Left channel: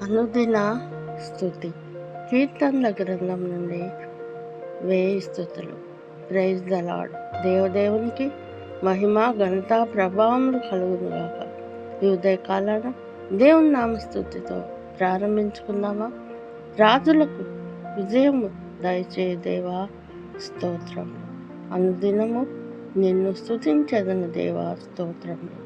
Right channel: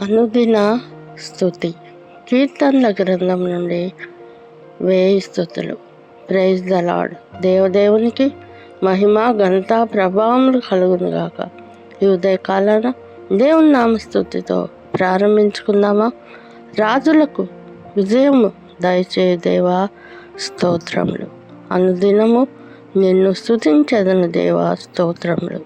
అనుదిన స్తుతి. కీర్తనల గ్రంథం నుండి 1000 స్తుతులు. Praise the Lord. దేవదేవునికి మహిమ, ఘనత, ప్రభావములు కలుగునుగాక. ఈ ఉదయకాలాన దేవుని నామ స్తుతితో ప్రారంభించుకుందామా? రాజులకు విజయము దయచేయు దేవా, స్తోత్రములు. అనుదినము నిన్ను స్తుతించెదను దేవా, స్తోత్రములు.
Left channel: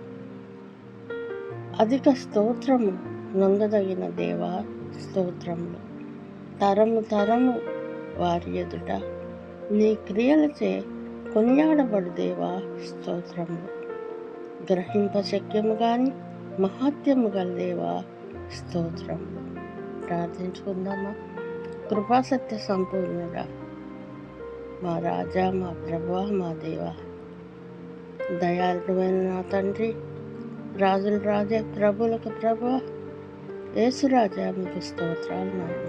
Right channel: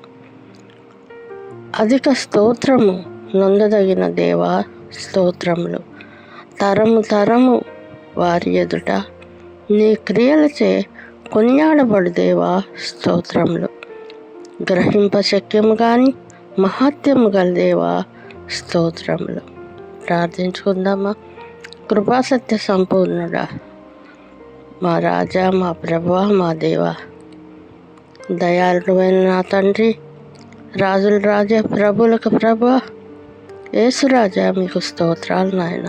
అధిక స్తోత్రము నొందదగిన దేవా, స్తోత్రములు. తరము తరము వారి ఎదుట నీ క్రియలచే కొనియాడబడు దేవా, స్తోత్రములు. గ్రహింప శక్యము కానీ మహాత్యము గల దేవా, స్తోత్రములు. ప్రార్థించుకుందామా? కృపాసత్య సంపూర్ణుడా, మా రాజా, మా ప్రభువా, మా దేవా, దయాళుడైన నా తండ్రి, రాజుల రాజా, ప్రభులకు ప్రభువా, యేసురాజా, మీకు స్తోత్రాలు నాయన.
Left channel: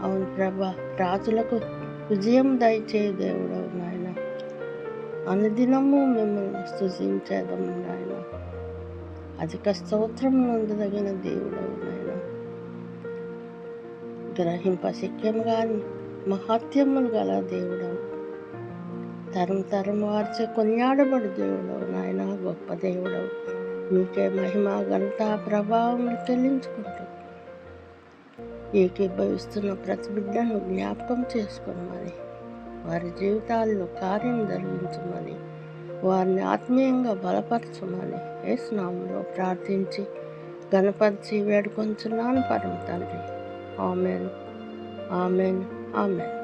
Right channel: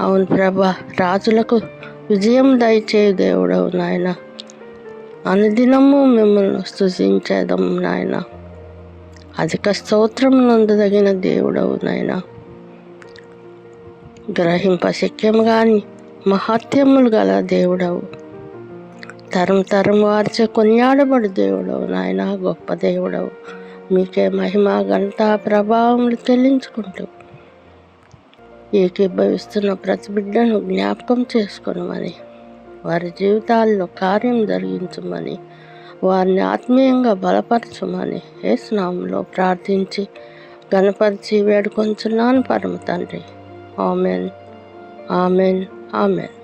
అవును ప్రభా, రాజులకు విజయం దయచేయు దేవుడవు నాయన. అనుదినము మిమ్మల్ని స్తుతించేదము నాయన. అధిక స్తోత్రం నందదగిన దేవుడవు నాయన. గ్రహింప శక్యము కానీ మహాత్యములు గల దేవుడవు. తరం తరం వారిచే కొనియాడబడు దేవుడవు నాయన. గొప్ప దేవుడవు. మీకే మహిమ, ఘనత, ప్రభావములు చెల్లించుకుంటూ ఏకీభవిస్తున్న ప్రతి బిడ్డను జ్ఞాపకం చేసుకునమని, వారి జీవితాల్లో కార్యం జరిగించమని, వారిని ఆత్మీయంగా బలపరచమని యేసు నామములో ప్రార్థించి ఘనపరిచి వేడుకొంచున్నాను పరమ తండ్రి. Amen, amen, amen.